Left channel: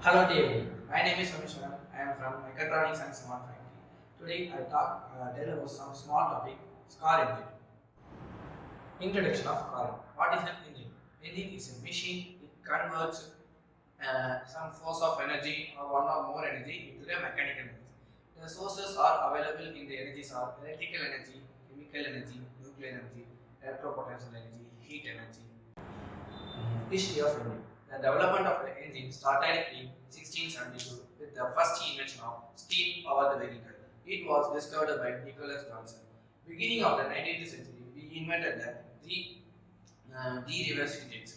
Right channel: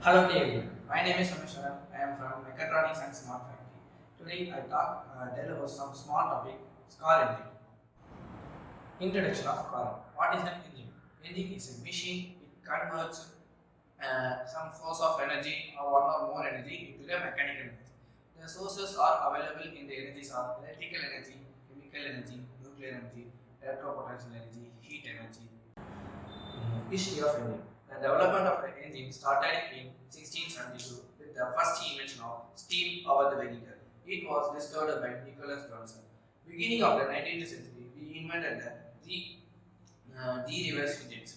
Hello to everyone. My name is Someshwaran. I am from Mechatronics and Smart Factory. Today I tell about some small topic, car engine. Introduction of car engine. What is an engine? Engine is a machine. It converts some source of energy or one or more energy into the mechanical energy. The sources are available in the energies are electrical energy, chemical energy, nuclear energy, electropotential energy, heat energy. History of engine. The development of the engine started in 1672 with the first invention of steam powered vehicle. It was discovered by Nicholas Johnson. Beginning of the 19th century, we invented the reverse engines.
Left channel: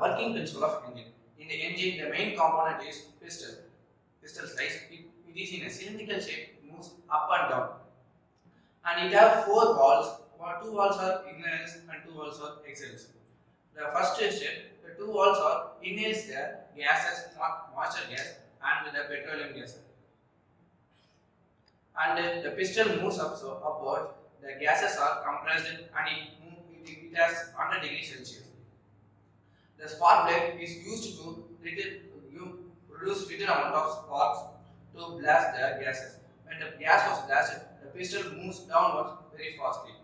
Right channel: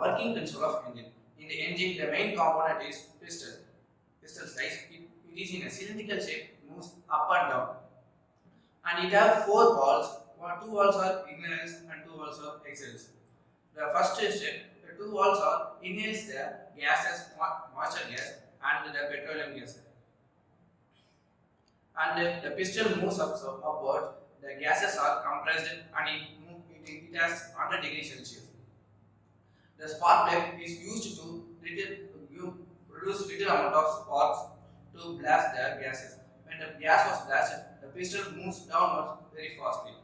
Working principle of engine. In the engine, the main component is piston. Piston size. It is in a cylindrical shape. It moves up and down, and it has four valves. Two valves are ignitions and two valves are exhales. The first step, the two valves are inhales the gases, moisture gas and the petroleum gas, and the piston moves upward. The gases are compressed and it has 100 degrees Celsius. The spark plug is used to produce little amount of sparks to blast the gases. When the gas was blasted, the piston moves downwards very fastly.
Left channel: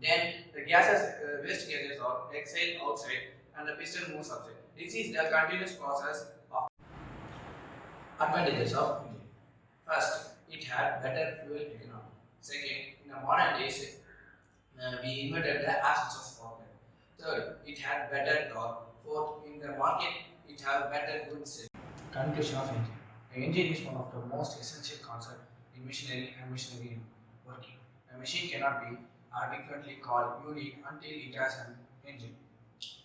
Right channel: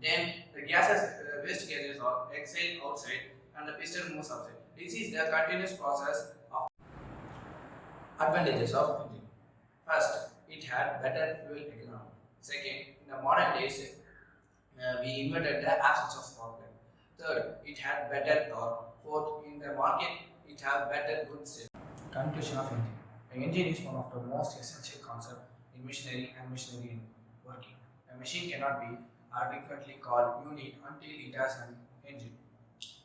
Then the gases, waste gases are exhaled outside and the piston moves upside. This is the continuous process of advantages of engine. First, it had better fuel economy. Second, in the modern days, we invented the absence of spark plug. Third, it had better torque. Fourth, in the market, it had better goods safety. Conclusion of engine. The engine is one of the most essential concepts in machinery and machinery working. A machine cannot be adequately called unit until it has an engine.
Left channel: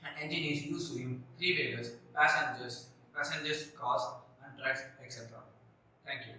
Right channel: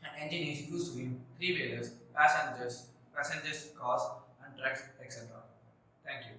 An engine is used in three-wheelers, passengers, cars, and trucks, etc. Thank you.